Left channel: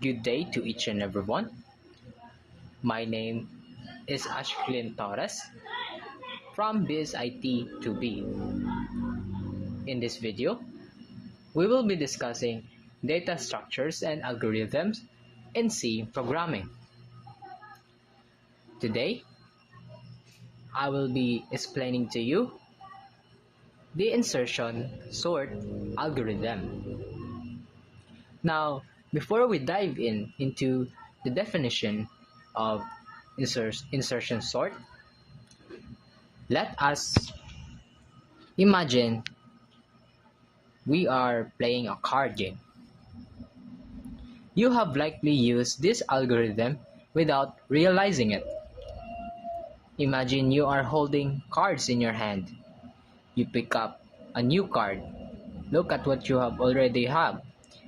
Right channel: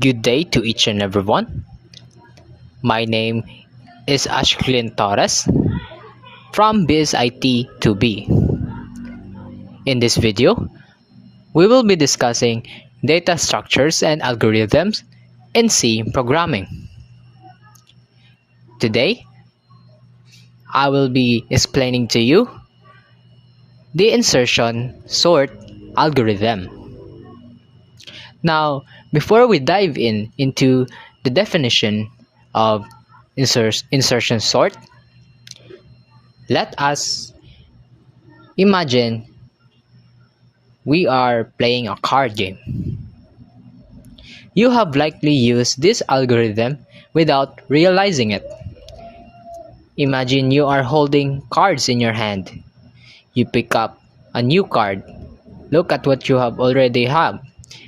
Good day to each and everyone. My name is Ashklin Torres from BSIT 2B. In this video, we will be discussing data structures and algorithms in C programming. Today, I will be explaining to you the insertion sort algorithm. Now, before we dive into the definition of insertion sort, let us imagine we are playing a card game. You have likely used this algorithm without realizing it. Imagine you are holding cards in your hand. You pick up a new card, look at what you have already have,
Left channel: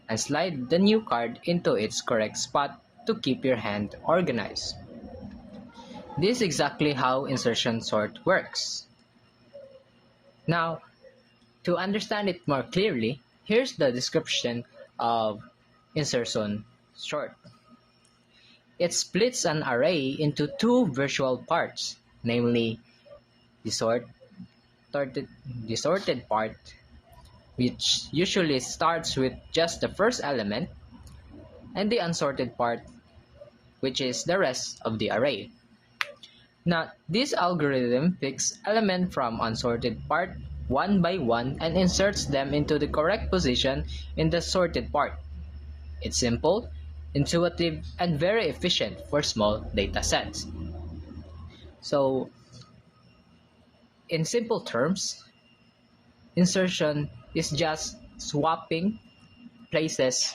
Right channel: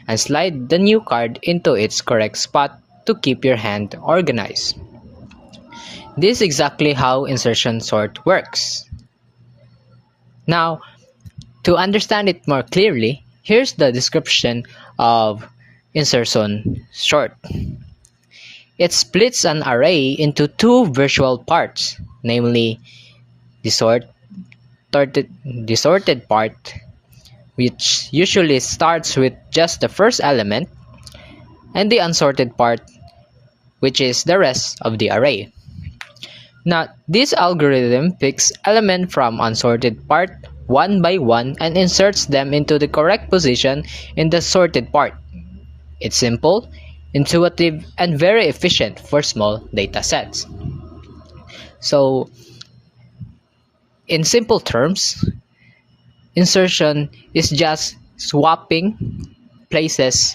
and slide the new card into its correct spot to keep your hand organized. This is exactly how insertion sort works. Now, to understand it more clearly, here's the description of insertion sort. It splits an array into two virtual parts, namely the sorted part, which usually starts with just the first element, and the unsorted part, which is the rest of the array. Now, this algorithm picks elements from unsorted part one by one and inserts them into the correct position in the sorted part. It's simple, intuitive, and very efficient for small data sets. So, in simple terms, insertion is just swapping places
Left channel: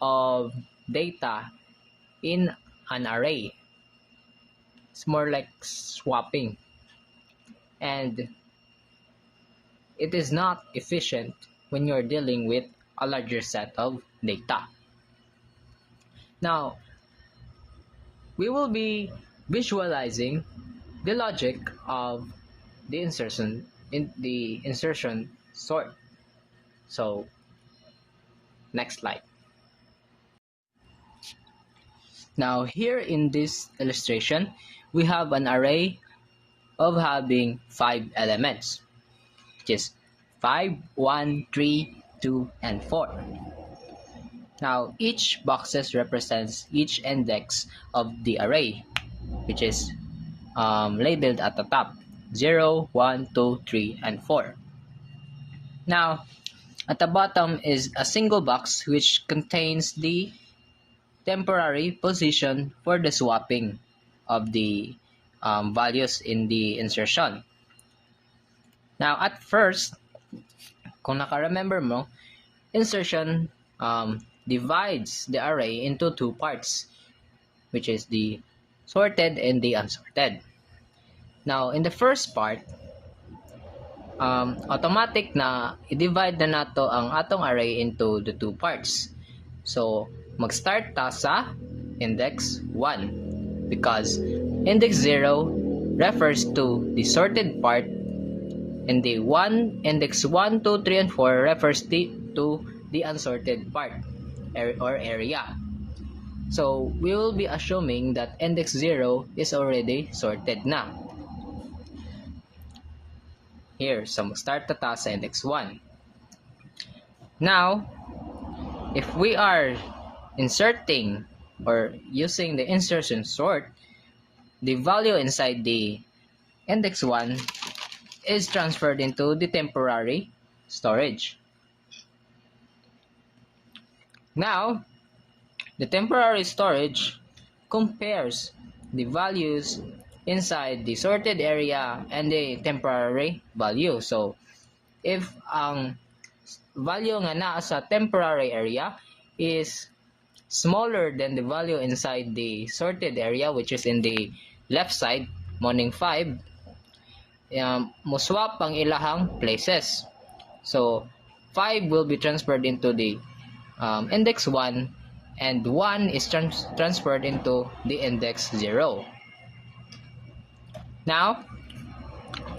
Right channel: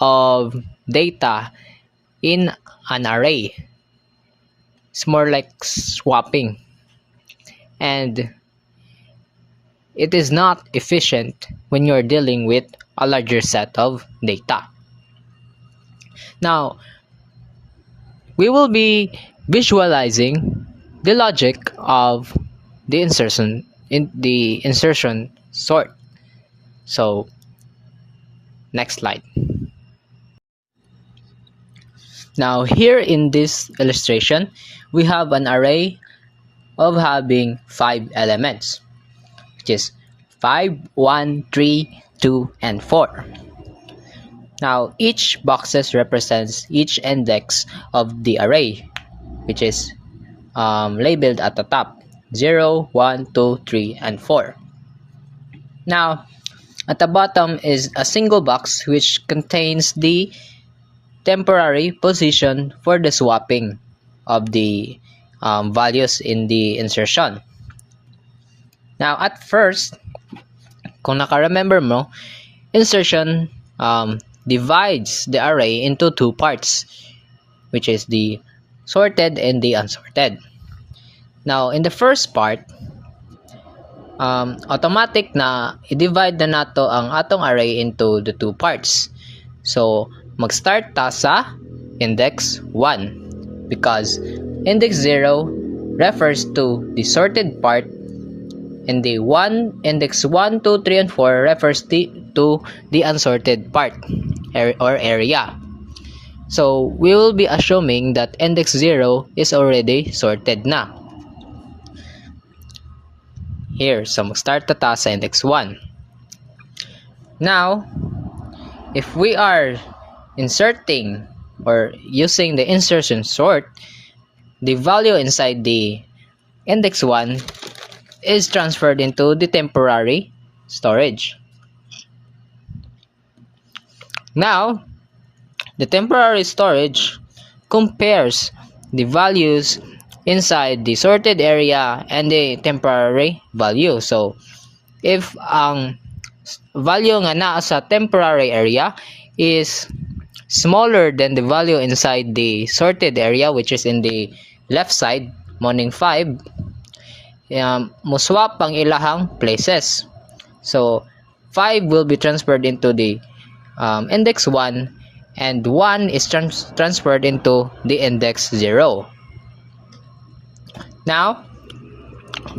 of data in an array. It's more like swapping, and it is not efficient when you're dealing with a larger set of data. Now, we will be visualizing the logic of the insertion sort. So, next slide. Now, here in this illustration, we have an array of having 5 elements, which is 5, 1, 3, 2, and 4. Now, each boxes represents each index of the array, which is labeled at the top, 0, 1, 2, 3, and 4. Now, at the bottom is a single box which contains the temporary position for the swapping of the values in the insertion. Now, at first, kung naka-remember mo, insertion divides the array into two parts, which is the sorted and the unsorted. Now, in the first part, automatic na i-divide na nato ang atong array into the two parts. So, mag-start ta sa index 1 because index 0 refers to the sorted part and the index 1, 2, 3, and 4 refers to the unsorted part or area. So, we will be assuming that index 0 is already sorted na. Here, so mag-start ta sa index 1. Now, if we are inserting or using the insertion sort, the value inside the index 1 is transferred into the temporary storage. Now, the temporary storage compares the values inside the sorted area and the temporary value. So, if ang value nga naa sa temporary area is smaller than the value inside the sorted area, which is in the left side, morning 5, mo swap ang ilahang places. So, 5 will be transferred into the index 1 and 1 is transferred into the index 0. Now,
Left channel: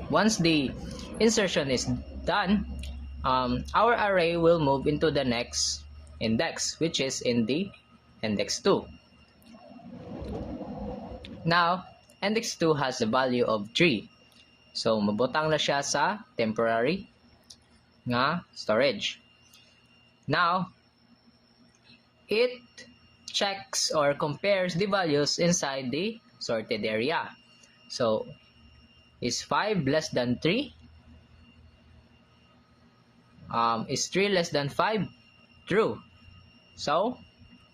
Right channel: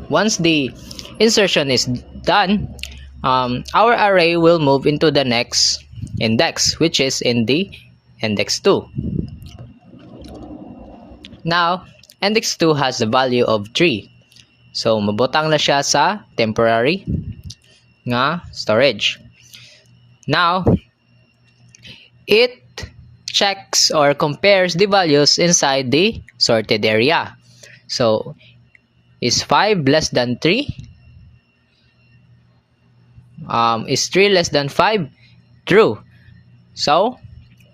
once the insertion is done, our array will move into the next index, which is in the index 2. Now, index 2 has the value of 3. So, mabutang na siya sa temporary nga storage. Now, it checks or compares the values inside the sorted area. So, is 5 less than 3? Is 3 less than 5? True. So,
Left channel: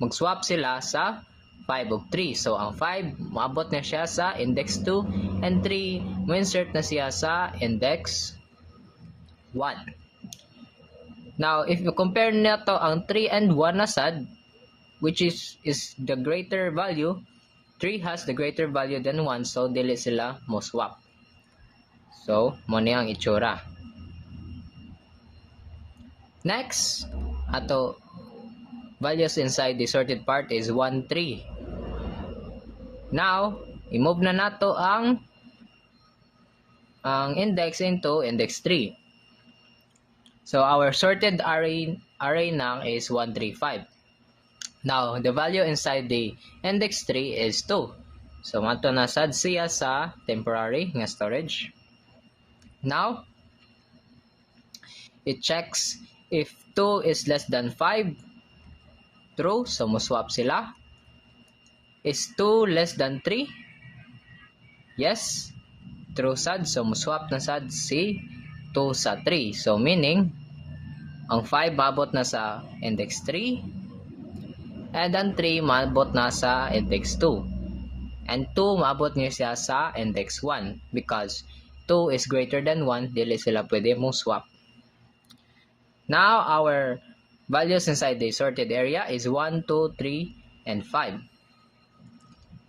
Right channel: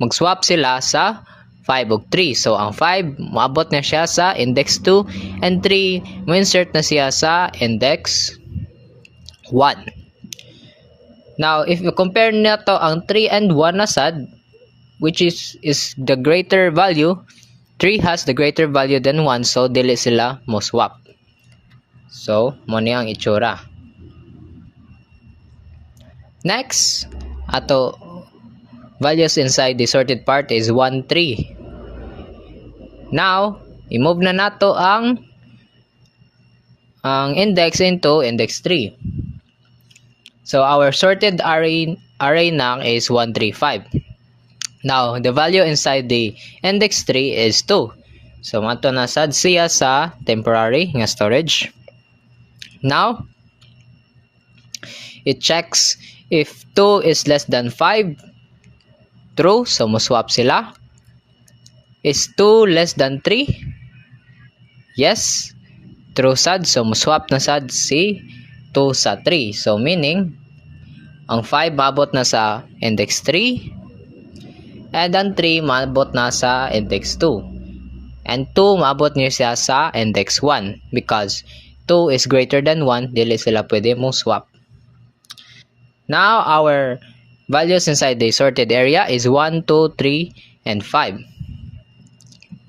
mag-swap sila sa 5 ug 3. So, ang 5, maabot na siya sa index 2 and 3, mo-insert na siya sa index 1. Now, if you compare na to ang 3 and 1 na sad, which is the greater value, 3 has the greater value than 1, so dili sila mo swap. So, mo ni ang itsura. Next, ato values inside the sorted part is 1, 3. Now, i-move na nato ang index into index 3. So, our sorted array nang is 1, 3, 5. Now, the value inside the index 3 is 2. So, mato na sad siya sa temporary nga storage. Now, it checks if 2 is less than 5. True. So, mo-swap sila. Is 2 less than 3? Yes. True sad. So, mo-swap na sad si 2 sa 3. So, meaning, ang 5 maabot na sa index 3. And ang 3 maabot na sa index 2. And 2 maabot niya siya sa index 1. Because 2 is greater than 1, dili sila pwede mong swap. Now, our values inside the sorted area is 1, 2, 3, and 5.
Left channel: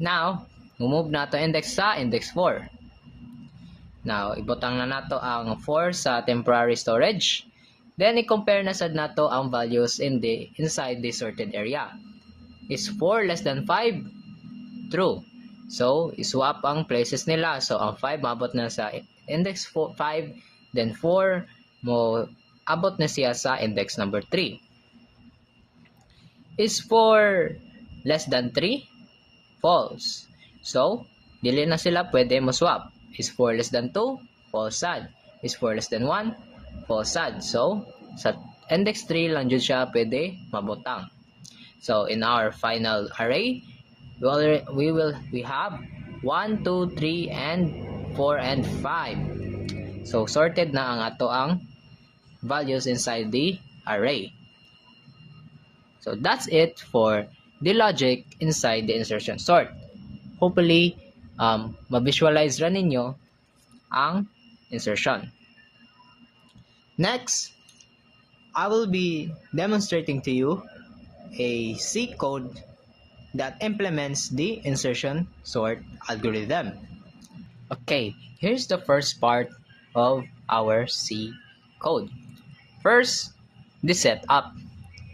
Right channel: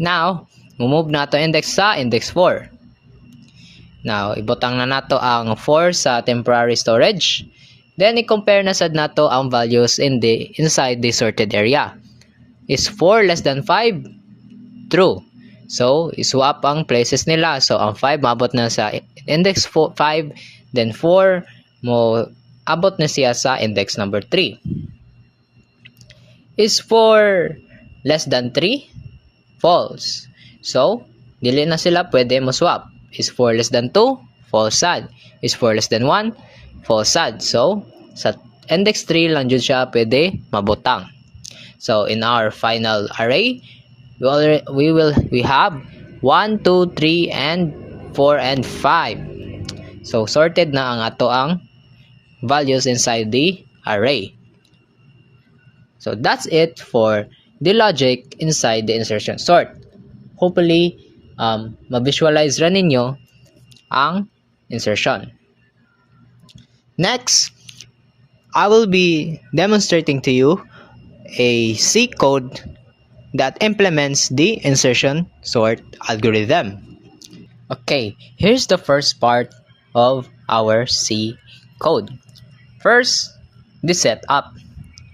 Now, move na to index sa index 4. Now, ibutang na nato ang 4 sa temporary storage. Then, i-compare na sad nato ang values inside the sorted area. Is 4 less than 5? True. So, iswap ang places nila. So, ang 5 mabot na sa index 5, then 4 mo abot na siya sa index number 3. Is 4 less than 3? False. So, dili na sila pwede mo swap. Is 4 less than 2? False sad. Is 4 less than 1? False sad. So, sa index 3 lang dyan siya pwede mabutang. So, in our final array, we have 1, 2, 3, and 4, and 5. So, sorted na ang ato ang values inside the array. So, that's it for the logic inside the insertion sort. Hopefully, ma-visualize rin ninyo ang insertion. Next, I will be demonstrating to you a C code that implements the insertion sort algorithm. Okay, here's the first part of our C code. First, the setup.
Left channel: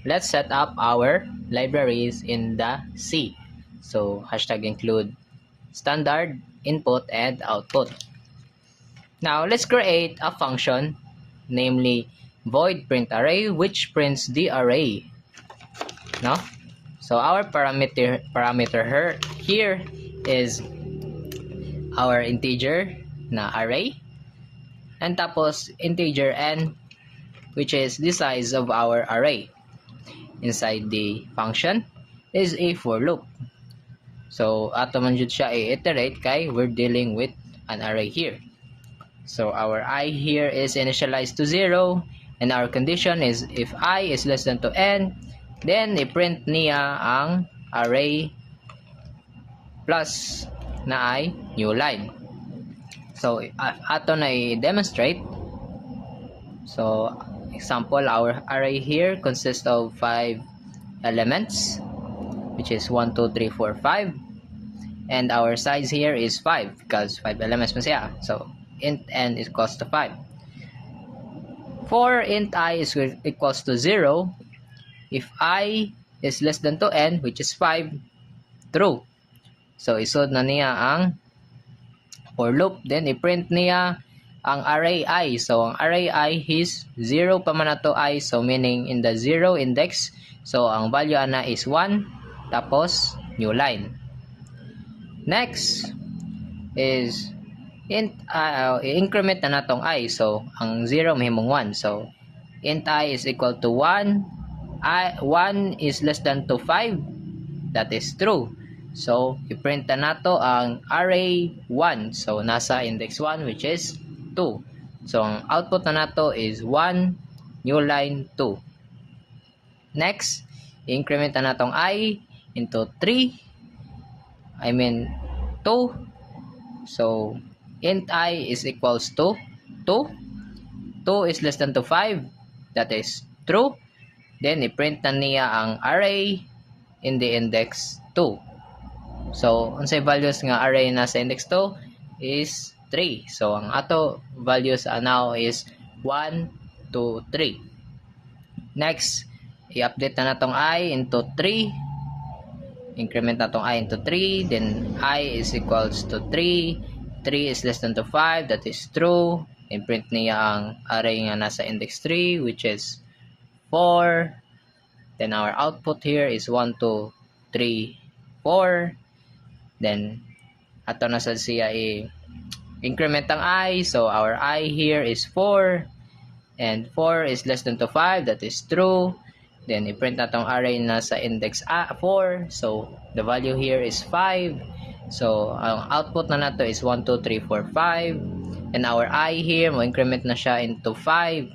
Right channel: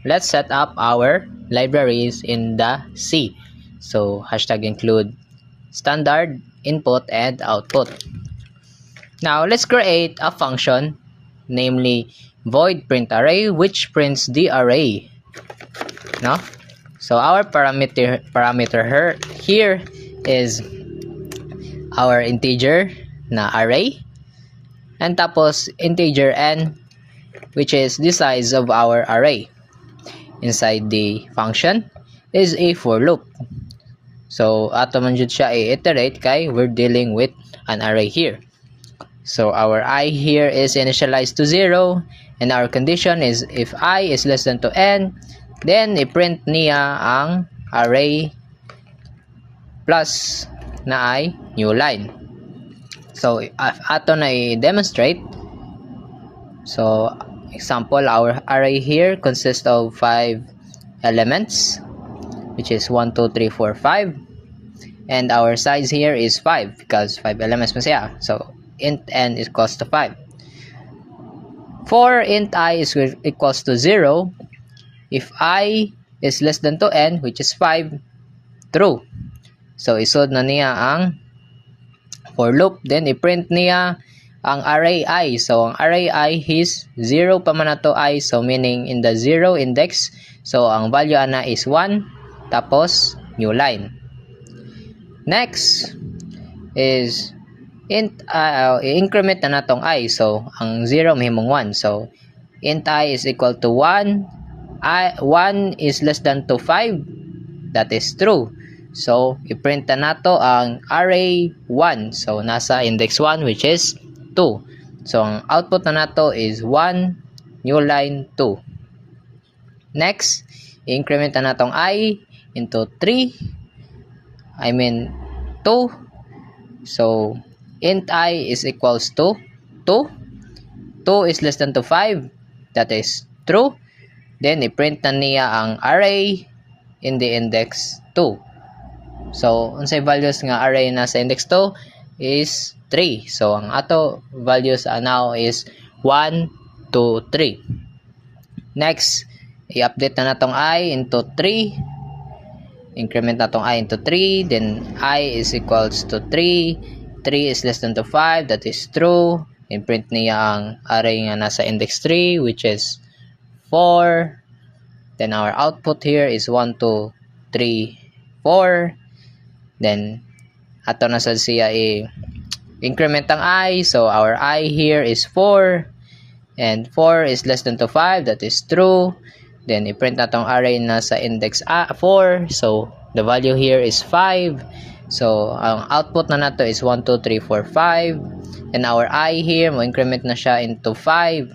Let's set up our libraries in the C. So, hashtag include standard, input, and output. Now, let's create a function, namely void print array, which prints the array. No? So, our parameter here is our integer na array. And tapos, integer n, which is the size of our array. Inside the function is a for loop. So, ato man jud siya i-iterate kay we're dealing with an array here. So, our I here is initialized to 0, and our condition is if I is less than to n, then i-print niya ang array plus na ay new line. So, ato na i-demonstrate. So, example, our array here consists of 5 elements, which is 1, 2, 3, 4, 5. And our size here is 5 because 5 elements pa siya. So, int n is equals to 5. For int I is equals to 0, if I is less than to n, which is 5, true. So, isod na niya ang for loop. Then, i-print niya ang array I. So, ang array I is 0 pa man na to I. So, meaning in the 0 index. So, ang value ana is 1. Tapos, new line. Next is increment na natong I. So, ang 0 mahimong 1. So, int I is equal to 1. 1 is less than to 5. That is true. So, i-print na nato ang array 1. So, nasa index 1 which is 2. So, ang output na nato is 1, new line 2. Next, increment na natong I into 3. 2. So, int I is equals to 2. 2 is less than to 5. That is true. Then, i-print na niya ang array in the index 2. So, unsay values nga array na sa index 2 is 3. So, ang ato values now is 1, 2, 3. Next, i-update na natong I into 3. Increment natong I into 3. Then, I is equals to 3. 3 is less than to 5. That is true. And print niya ang array nga nasa index 3 which is 4. Then, our output here is 1, 2, 3, 4. Then, ato na sa siya increment ang I. So, our I here is 4. And 4 is less than to 5. That is true. Then, i-print na tong array na sa index 4. So, the value here is 5. So, ang output na nato is 1, 2, 3, 4, 5. And our I here, mo increment na siya into 5.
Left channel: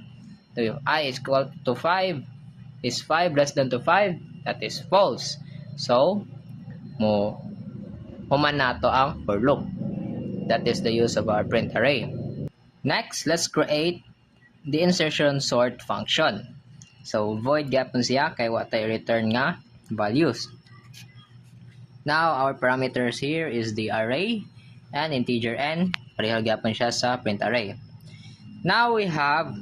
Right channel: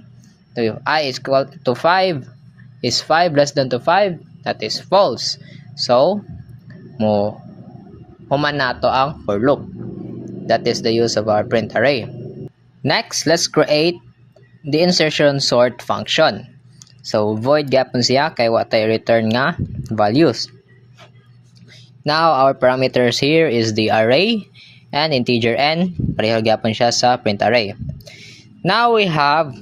So, I is equal to 5. Is 5 less than to 5? That is false. So, human nato ang for loop. That is the use of our print array. Next, let's create the insertion sort function. So, void gapon siya kay wa tay return nga values. Now, our parameters here is the array and integer n. Pareho gapon siya sa print array. Now, we have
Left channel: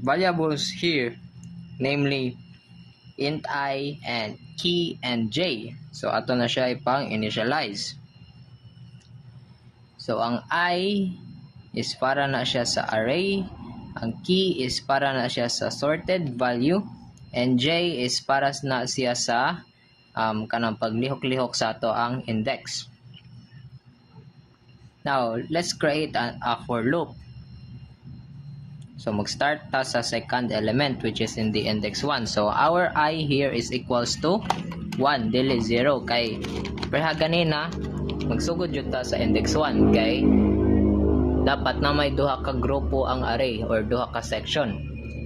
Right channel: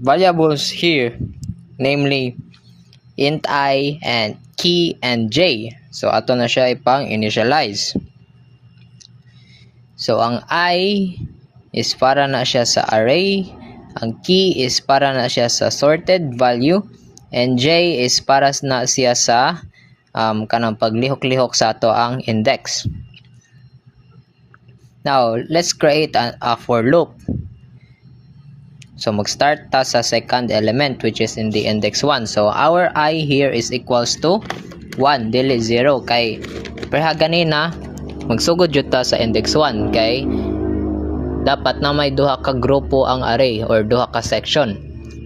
variables here, namely int I and key and j. So, ato na siya ipang initialize. So, ang I is para na siya sa array, ang key is para na siya sa sorted value, and j is para na siya sa kanang paglihok-lihok sa ato ang index. Now, let's create a for loop. So, mag-start ta sa second element which is in the index 1. So, our I here is equals to 1, dili 0. Kay, perha ganina, magsugod yun ta sa index 1. Kay, dapat na may duha ka grupo ang array or duha ka section.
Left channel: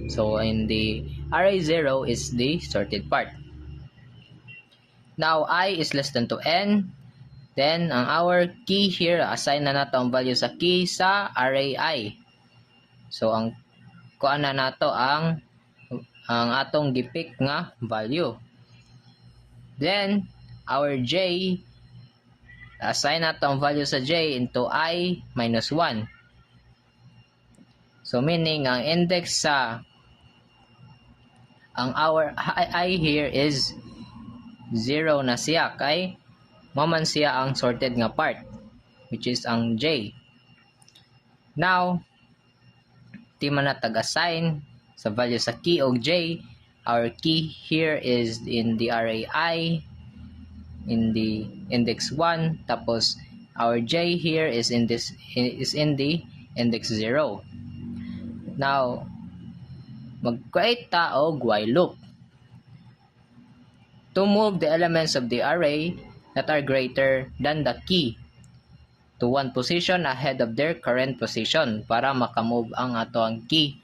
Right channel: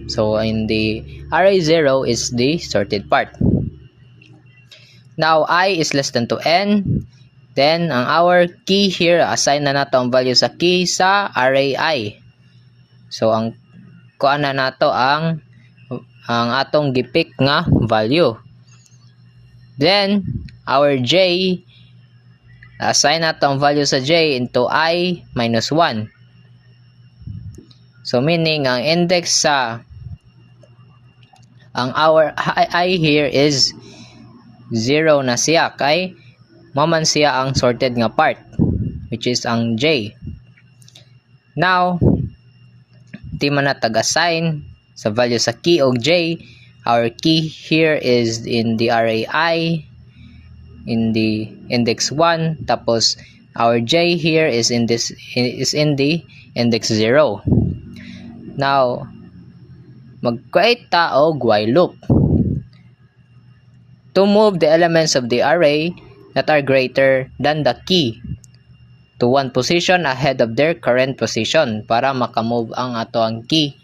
So, in the array 0 is the sorted part. Now, I is less than to n. Then, ang our key here, assign na nato ang value sa key sa array I. So, ang kuan na nato ang atong gipick nga value. Then, our j, assign nato ang value sa j into I minus 1. So, meaning, ang index sa ang our I here is 0 na siya. Kay, maman siya ang sorted nga part, which is ang j. Now, di man na tag-assign sa value sa key og j. Our key here is in the array I, in the index 1, tapos our j here is in the index 0. Now, mag-create ta og while loop to move the elements of the array that are greater than the key to one position ahead of their current position para makamove ang ato ang key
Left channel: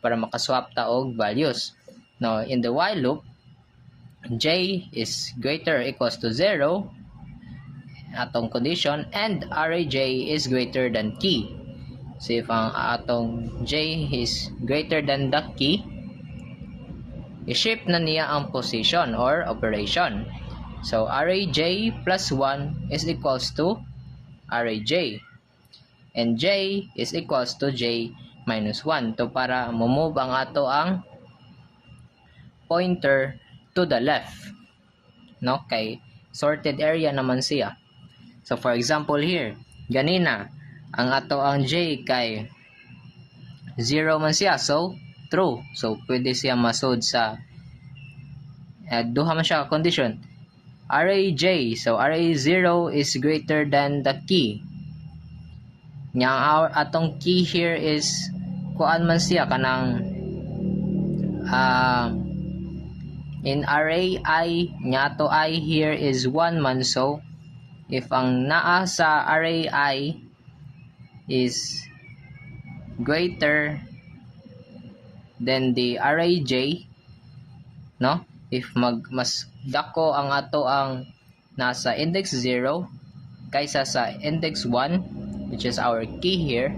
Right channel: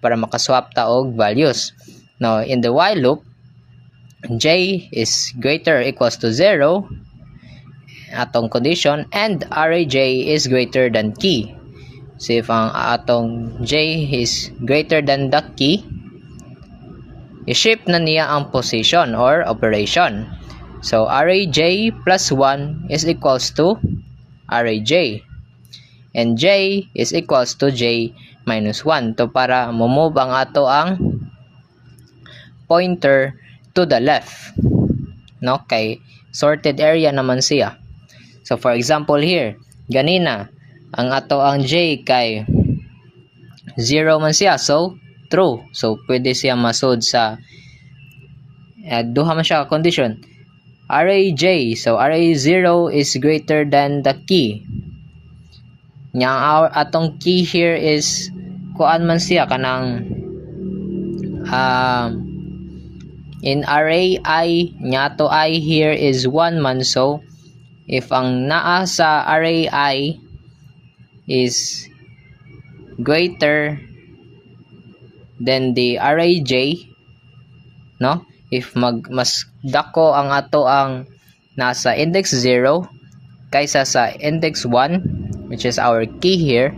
para makaswap ta og values. Now, in the while loop, j is greater or equals to 0 atong condition and array j is greater than key. So, if ang atong j is greater than the key, i-shift na niya ang position or operation. So, array j plus 1 is equals to array j. And j is equals to j minus 1. To para move ang ato ang pointer to the left. No? Kay sorted area naman siya. So for example here, ganina ang ato ang J kay 0 man siya, so true. So pwede siya masud sa duha man siya ka condition. Array J, so array 0 is greater than the key. Nya atong key here is kuan man siya kanang in array I, nya to I here is 1 man, so if ang naa sa array I is greater than the array J, no? If mas dako ang ato ang nasa index 0 kaysa sa index 1, which is our key here,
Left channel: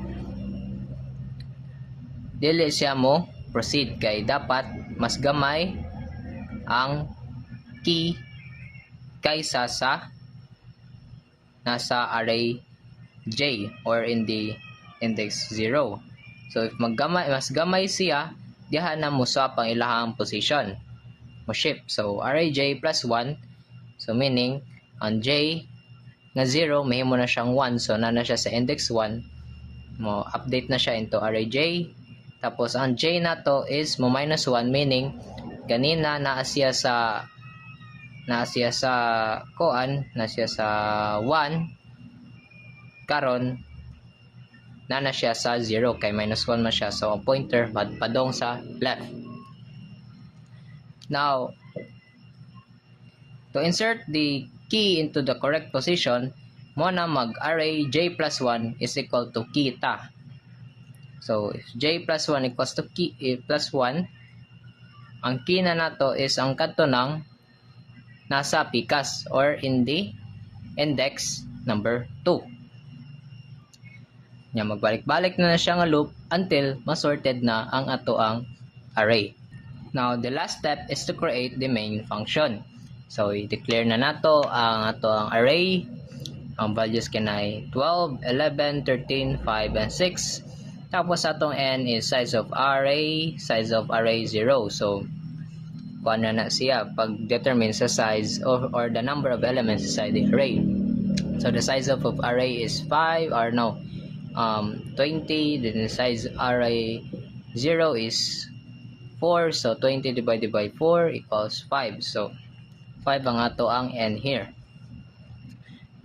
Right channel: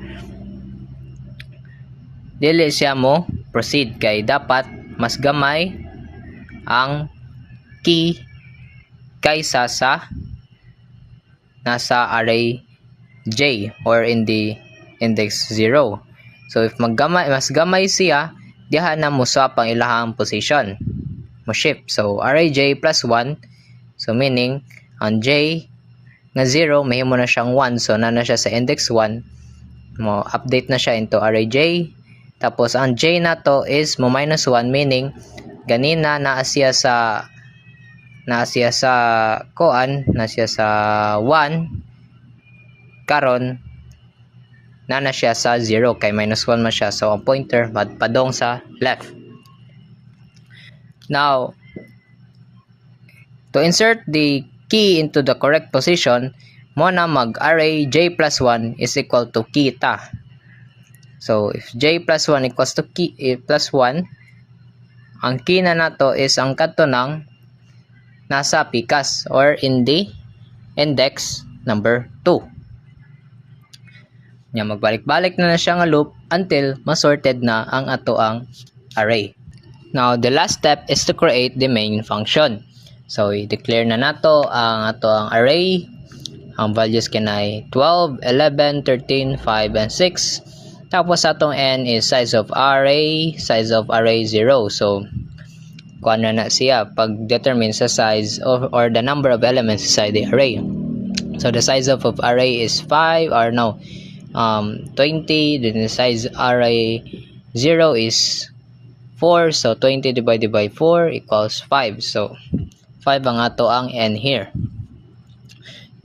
dili siya mo proceed kay dapat mas gamay ang key kaysa sa nasa array J or in the index 0. So if mas gamay siya, diha na mo swap ang ilahang position, mo shift. So array J plus 1, so meaning ang J na 0 mahimo na siyang 1, so na siya sa index 1, mo update na siya into array J. Tapos ang J na to is mo minus 1, meaning ganina naa siya sa koan, na siya sa 1, karon na siya sa 0 kay minus 1 man siya, so ang pointer padong sa left. Now to insert the key into the correct position, mo na mag array J plus 1 is equal to key ta. So if J plus 1 equals to key plus 1, ang key na nato is ang kadto ng nasa pikas or in the index number 2. Nya magbalik-balik na siya nga loop until masorted na ang ato ang array. Now the last step is to create the main function. So i-declare na nato ang ato ang array. Ang values kanay 12, 11, 13, 5 and 6. Tapos atong n is size of array 0. So kuan na siya pag determine sa size or the number of elements inside the array. So the size of array is 5 or no 20, then the size array 0 is 4, so 20 divided by 4 equals 5. So 5 ang ato ang n here.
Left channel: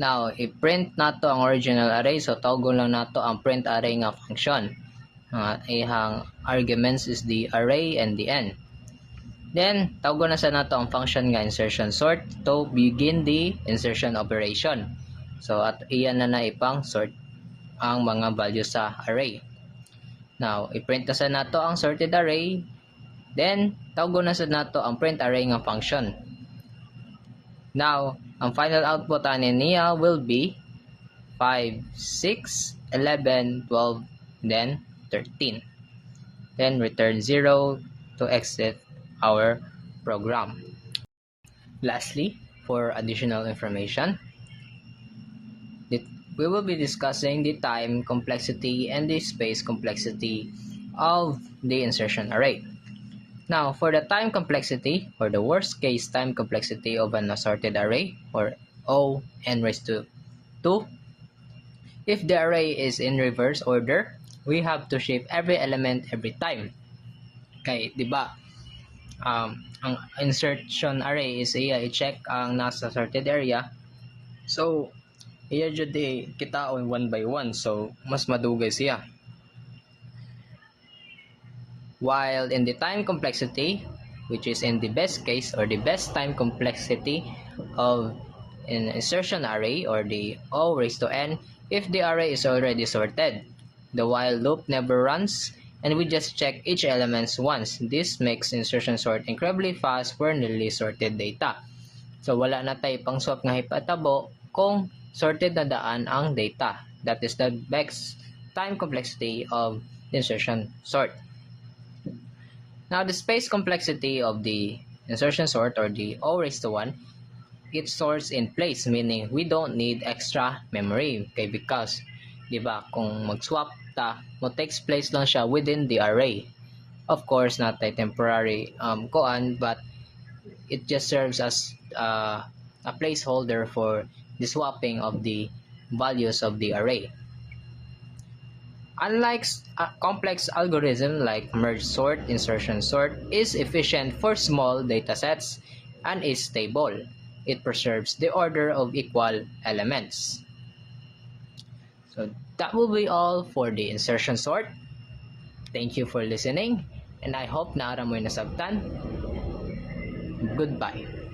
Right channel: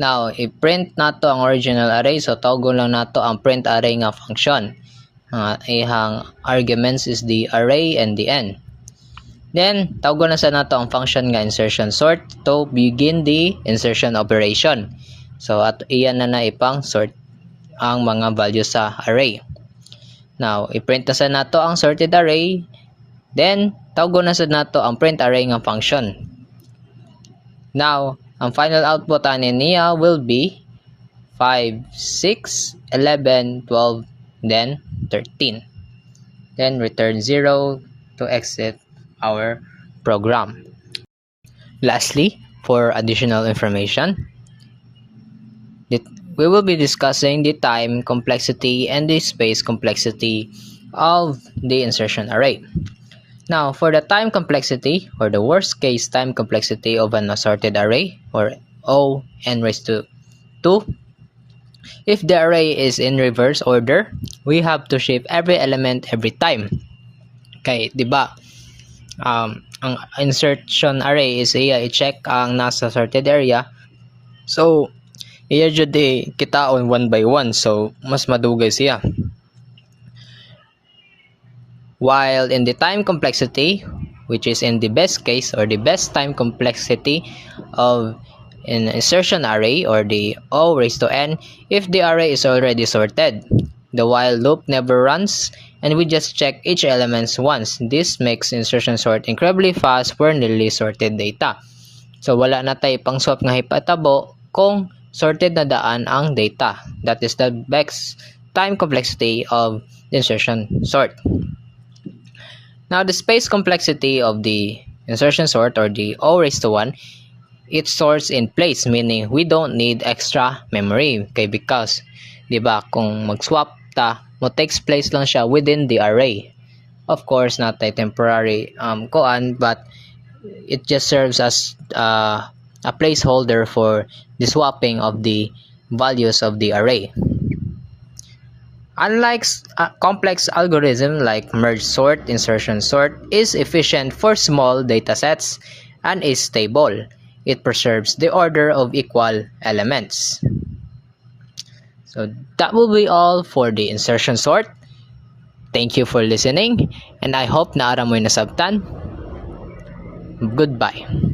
Now i-print nato ang original array, so tawgon lang nato ang print array nga function. Ihang arguments is the array and the n. Then tawgon na sa nato ang function nga insertion sort to begin the insertion operation. So at iyan na ipang sort ang mga values sa array. Now i-print na sa nato ang sorted array, then tawgon na sa nato ang print array nga function. Now ang final output ani niya will be 5, 6, 11, 12, then 13. Then return 0 to exit our program. Lastly, for additional information, we will be discussing the time complexity and the space complexity of the insertion array. Now, for the time complexity, or the worst case time complexity of an assorted array, or O n raised to 2, if the array is in reverse order, we have to shift every element every time. Okay, di ba? Ang insertion array is i-check ang nasa sorted area. So, iya jud kitaon 1 by 1, so mas madugay siya. While in the time complexity, which is in the best case or the best time complexity of an insertion array or the O raised to n, if the array is already sorted, the while loop never runs and we just check each element once. This makes insertion sort incredibly fast for newly sorted data. So wala na tayo pang swap nga hipatabo kung sorted na daan ang data. That is the best time complexity of the insertion sort. Now the space complexity of the insertion sort or the O raised to 1, it sorts in place, meaning we don't need extra memory. Okay, because di ba kung mag-swap ta, mo takes place lang siya within the array. Of course, not a temporary koan, but it just serves as a placeholder for the swapping of the values of the array. Unlike complex algorithm like merge sort, insertion sort is efficient for small datasets and is stable. It preserves the order of equal elements. So that will be all for the insertion sort. Thank you for listening, and I hope naara mo yung nasabtan. Goodbye.